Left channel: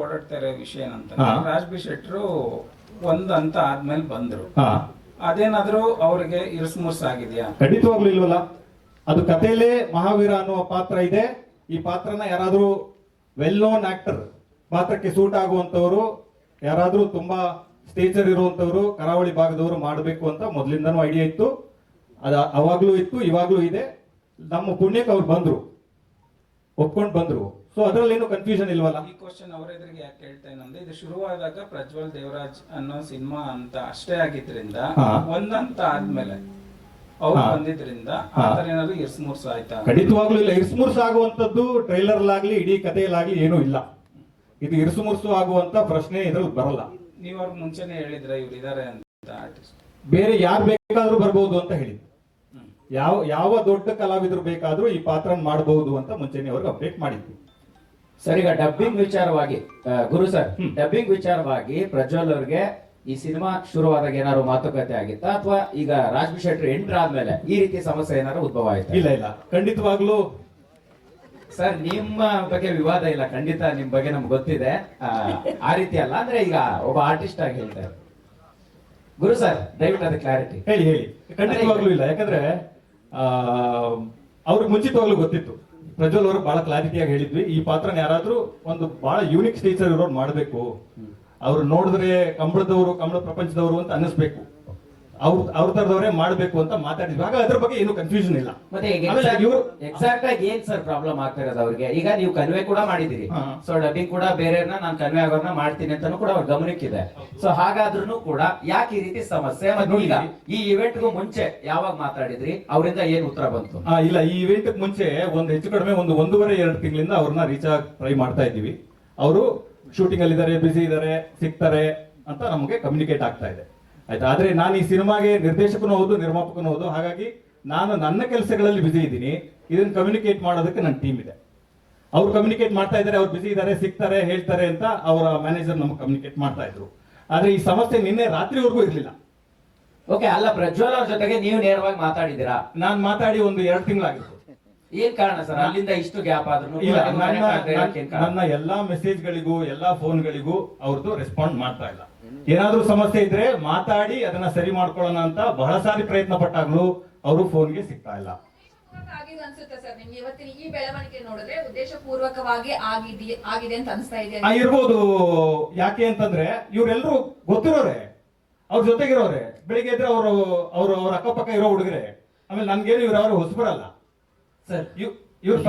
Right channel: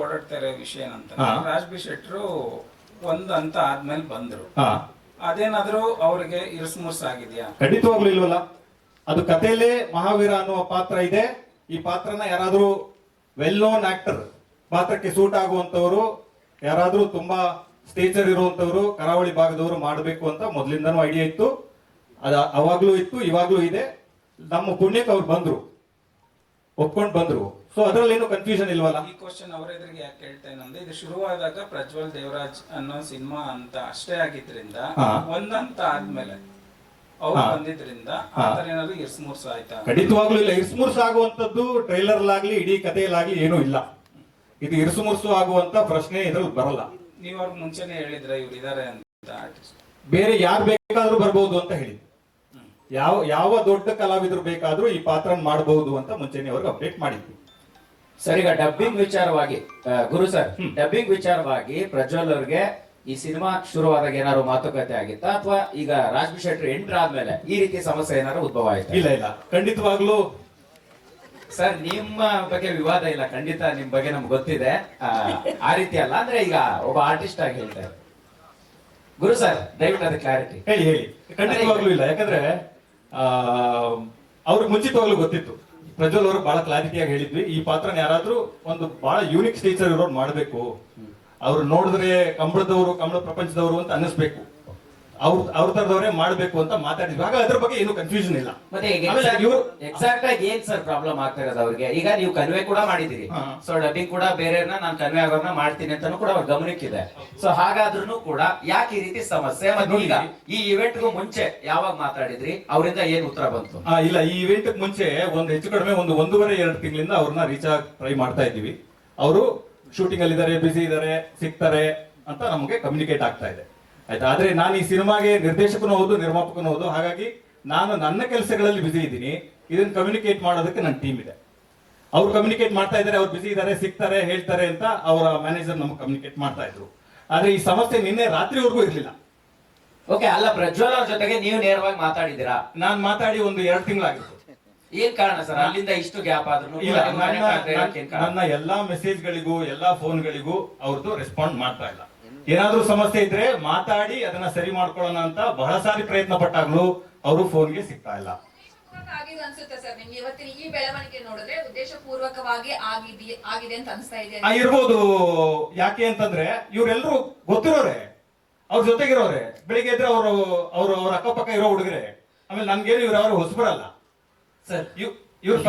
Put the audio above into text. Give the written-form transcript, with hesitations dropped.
ಓಡಾಡ್ತಾ ಇರೋ ವಿಷಯ ಏನಂತ ರಾಜ್ ಬಿ ಶೆಟ್ರು ಒಂದ್ ಹಂತ ಆದ್ಮೇಲೆ ಬಂದ್ರು. ಅದೇನಾದ್ರೂ ಅವ್ರಿಗೆ ಇರ್ಸ್ಮುರ್ಸ್ ಆಗಿದ್ಯಾ? ಖಂಡಿತವಾಗ್ಲೂ ಇಲ್ವಲ್ಲ. ಅದು ಕಥೆಯಲ್ಲೇ ಮಹಾವೀರ ಅನ್ನುವ ಪಾತ್ರ ಇದೆ. ಈ ಪಾತ್ರನ ಯಾರಾದ್ರೂ ವೆಲ್ ನೋನ್ ಆಕ್ಟರ್ ಪಾತ್ರಕ್ಕೆ ಸೂಟ್ ಆಗುವಂತವರು, ಯಾರಾದ್ರೂ ತುಂಬಾ ಸ್ಟೇಜರ್ ಇರುವಂತವರು, ಕರಾವಳಿ ಭಾಗದವರು ಮಾಡಬೇಕು ಅಂತ ಮೊದಲಿಂದನೂ ಐಡಿಯಾ ಇತ್ತು. ಅವಾಗ್ಲೂ ಇತ್ತು, ಇವಾಗ್ಲೂ ಇದೆ. ನಮ್ಮ ಪುಣ್ಯಕ್ಕೆ ಅವ್ರು ಬಂದ್ರು, ಒಪ್ಕೊಂಡು ಬಂದ್ರು. ಸೊ ಅದ್ರಲ್ಲಿ ಏನು ಕನ್ಫ್ಯೂಷನ್ ಇಲ್ವಲ್ಲ. ಈ ಕ್ವಶನ್ ಅವ್ರ ಎದುರಿಗೆ ಯಾಕೆ ಕೇಳ್ತೇನಂದ್ರೆ, ಇದು ಶುರುವಾದಾಗ ಪ್ರಜ್ವಲ್ ದೇವರಾಜ್ ಅನ್ನೋ ಸಿನಿಮಾ ಅಂತ ಅಷ್ಟೇ ಆಗಿದ್ರಿಂದ ಒಂದಂತ ಆದ್ಮೇಲೆ ಅವ್ರು ಬಂದಿದ್ರಿಂದ ಆತರ ಏನಾದ್ರು ಇರ್ಸ್ಮೂರ್ಸ್ ಆಯ್ತಾ? ಖಂಡಿತವಾಗ್ಲೂ ಇಲ್ಲ. ಇರ್ಸ್ಮೂರ್ಸ್ ಆಗುವಂತದ್ದು ಟ್ರೈಲರ್ ಆಗ್ಲಿ ಇಡೀ ಕಥೆಯಲ್ಲಾಗ್ಲಿ ಏನೂ ಇಲ್ಲ. ಇದು ಇರ್ಸುಮುರ್ಸು ಆಗುವಂತ ಪ್ರಶ್ನೆ ಇದ್ರಲ್ಲಿ ಬರಲ್ಲ. ನೀವ್ ಅವ್ರಿಗೆ ಮುಂಚೆನೆ ಹೇಳಿದ್ರೆ ಇವ್ರು ಇದಾರೆ ಅಂತ ಆರ್ಟಿಸ್ಟ್, ಬೇರೆ ಯಾರು ಬೇಕಾದ್ರೂ ಬರ್ಬೋದು ಅಂತ ಹೇಳಿ, ಯಾವ ದೊಡ್ಡ ಕಲಾವಿದರು ಬೇಕಾದ್ರೂ ಈ ಪಾತ್ರ ಮಾಡಬಹುದು ಅಂತ ಮುಂಚೆನೆ ಅವ್ರಿಗೆ ಅಪ್ಡೇಟ್ ಮಾಡಿದ್ವಿ. ಸರ್, ಈಗ ಡಬ್ಬಿಂಗ್ ವಿಚಾರವಾಗಿ ಗುರು ಸರ್, ಡಬ್ಬಿಂಗ್ ವಿಚಾರವಾಗಿ ಪ್ರಜ್ವಲ್ ಅವ್ರಿಗೆ ಈ ಸಿನಿಮಾ ಶುರುವಾದಾಗ ಏನಾದ್ರು ಮಾತುಕತೆ ಆಗಿತ್ತಾ, ಅಥವಾ ಈಗ ರಾಜ್ ಬಿ ಶೆಟ್ಟಿ ಎಂಟರ್ ಆದ್ಮೇಲೆ ಈ ರೀತಿ ಸಮಸ್ಯೆ ಏನಾದ್ರು ಉದ್ಭವ ಆಯ್ತಾ? ಇಲ್ಲ, ಖಂಡಿತವಾಗ್ಲೂ ಸರ್ ನಿಮ್ಮ ಬಗ್ಗೆ ವಿವಾದ ಇಲ್ಲ, ಖಂಡಿತ ನಿಮ್ ಬಗ್ಗೆ ನಮ್ಗೆ ಗೊತ್ತಿದೆ. ಆ ರೀತಿ ಅಲ್ಲ, ಅಂದ್ರೆ ಈಗ ಒಬ್ಬ ಆರ್ಟಿಸ್ಟ್ ಆಗಿ ಹೇಳ್ತಾರೆ. ಗುರು ಸರ್, ದಯವಿಟ್ಟು ಅದು ಕ್ಲಾರಿಟಿ ಹೇಳಿ. ಖಂಡಿತವಾಗ್ಲೂ ಇಲ್ಲ. ಯಾಕಂದ್ರೆ ಅವ್ರಿಗೆ ಮುಂಚಿತವಾಗ್ಲೂ ಗೊತ್ತಿತ್ತು. ಪ್ರಜ್ವಲ್ ಅವರು ಬಹಳ ಕ್ಲಾರಿಟಿಯಾಗಿ ಹೇಳಿದ್ವಿ, ಈ ಪಾತ್ರನ ಯಾರಾದ್ರೂ ಒಂದು ಬಹಳ ಯೂನಿಕ್ ಸ್ಟೇಚರ್ ಇರೋರು ಮಾಡ್ಬೇಕು, ಅವ್ರು ನೋಡಿದ್ರೆ ಕಂಬಳ ಪ್ರಪಂಚದವರು ಅಂತ ಅನ್ನಿಸ್ಬೇಕು, ಅವ್ರ ತರದವರೇ ಮಾಡ್ಬೇಕು ಅಂತ ಮಾತಾಡಿದ್ವಿ. ಆಗ ಅದ್ರ ಬಗ್ಗೆ ಏನು ಕನ್ಫ್ಯೂಷನ್ ಇಲ್ಲ. ಮತ್ತೆ ಎಕ್ಸಾಕ್ಟ್ ಆಗಿ ಏನ್ ಸರ್ ಪ್ರಾಬ್ಲಮ್ ಆಗ್ತಾ ಇರೋದು ಅವ್ರಿಗೆ? ಈಗ ನೀವು ಕನ್ವೆ ಕೂಡ ಮಾಡಿದಿರಿ, ಸೊ ಡಬ್ಬಿಂಗ್ ಕೂಡ ಬೇರೆಯವ್ರನ್ನ ನಾನು ಕನ್ವೆ ಆಗೋರ್ನ ಮಾಡ್ತೀನಿ ಅಂತಾನು ಕೂಡ ಅವ್ರ ಗಮನಕ್ಕಿದೆ. ಸೊ ಹಾಗಾದ್ರೂ ಕೂಡ ಯಾಕೆ ಈ ರೀತಿ ಸಮಸ್ಯೆ? ಮತ್ತೆ ಈಗ ಈ ಇವೆಂಟ್ಗೂ ಮುಂಚೆ ಯಾವಾಗ ಮಾತಾಡಿದ್ರಿ, ಅವರಿಂದ ಏನ್ ಉತ್ತರ ಬಂತು? ಇಲ್ಲ, ಈ ಇವೆಂಟ್ ಮುಂಚೆ ಒಂದು ಹೆಚ್ಚು ಕಡಿಮೆ 1.5-2 ತಿಂಗಳಿಂದ ಅವ್ರನ್ನ ರೀಚ್ ಆಗಿ ಟ್ರೈ ಮಾಡ್ತಾ ಇದ್ದೀವಿ. ಅವರು ಶೂಟಿಂಗ್ ಅಲ್ಲಿ ಇದಾರೆ, ಬಿಸಿ ಇದಾರೆ, ಸಿಗ್ತಾರೆ ಅಂತ ನಮಗೆ ಕಮ್ಯುನಿಕೇಟ್ ಆಗ್ತಾ ಇದೆ. ಆಯ್ತಾ. ಆದ್ರೆ ನಾನು ಈ ಸಿನಿಮಾಗೆ ನಿರ್ದೇಶಕನೂ ಹೌದು, ನಿರ್ಮಾಪಕನೂ ಹೌದು. ಹಾಗಾಗಿ ನಾನು ನನ್ನ ಕೆಲಸಗಳಲ್ಲಿ ಬಿಸಿ ಇದ್ದೀನಿ. ಇದನ್ನ ಕಮ್ಯುನಿಕೇಟ್ ಮಾಡೋದಕ್ಕೆ ನನ್ನ ಟೀಮ್ ಇದೆ. ಅವ್ರು ಕಮ್ಯುನಿಕೇಟ್ ಮಾಡ್ತಾ ಇದ್ದಾರೆ, ಅವ್ರು ಬಿಸಿ ಇದ್ದಾರೆ, ಸಿಗ್ತಾರೆ, ಹೇಳ್ತಾರೆ ಅಂತ ಅವರ ಮ್ಯಾನೇಜರ್ ನಮ್ಗೆ ಕಮ್ಯುನಿಕೇಟ್ ಮಾಡ್ತಾ ಇದ್ರು. ಆದ್ರೆ ಈ ಸಮಸ್ಯೆ ನಿನ್ನೆ ರಾತ್ರಿವರೆಗೂ ಇರ್ಲಿಲ್ಲ. ಓಕೆ, ಅಲ್ಲ ಪ್ರಜ್ವಲ್ ಅವ್ರ ಜೊತೆಗೆ ನೀವು ನೇರವಾಗಿ ಮಾತಾಡಿದ್ದೀರಾ? ನಾನು ಮಾತಾಡಿ 1-2 ತಿಂಗಳಾಗಿತ್ತು. ಏನ್ ಕಾರಣ ಸರ್ ಅಲ್ಲಿಂದ ಇಷ್ಟು ಗ್ಯಾಪ್ ಆದ್ರೂ? ನನ್ನ ಎಲ್ಲಾ ಮೆಸೇಜ್ಗಳಿಗೂ ಎಲ್ಲಾ ಫೋನ್ಗಳಿಗೂ ಅವ್ರದ್ದು ರೆಸ್ಪಾಂಡ್ ಮಾಡ್ತಾ ಇಲ್ಲ. ಏನಾದ್ರೂ ಸಮಸ್ಯೆ ಇದ್ರೆ ಮಾತಾಡಿ ಅದನ್ನ ಸರಿ ಮಾಡ್ಕೊಳ್ಳೋಣ ಅಂತ ಬಹಳ ಸಾರಿ ಪ್ರಯತ್ನ ಪಟ್ಟಾಗ್ಲೂ ಅವರು ಫೋನ್ಗೆ ಸಿಗ್ತಾ ಇಲ್ಲ. ಅನ್ಸುತ್ತೆ ಸರ್ ನಿಮ್ಗೆ ಇವತ್ತಿನ ಈ ಬೆಳವಣಿಗೆ ನೋಡಿದ್ರೆ ಉದ್ದೇಶಪೂರ್ವಕವಾಗಿ ಆಗಿದೆ ಅಂತ ಅನ್ಸ್ತಾ ಇದೆ? ಇರ್ಬೋದು. ಯಾಕೆ ಅಂತಂದ್ರೆ ಇವರೆಲ್ಲರೂ ಗೊತ್ತಿರೋರೆ, ಅವ್ರ ಜೊತೆಗಿರೋರೆ. ಬೆಳಿಗ್ಗೆ ಇದ್ರೆ ಅವ್ರ ಅಕ್ಕಪಕ್ಕ ಇರೋ ಹುಡುಗರೆ. ಆಮೇಲೆ ನನ್ಗೇನು ಇವ್ರು ಹೊಸಬರಲ್ಲ ಸರ್. ಇವ್ರು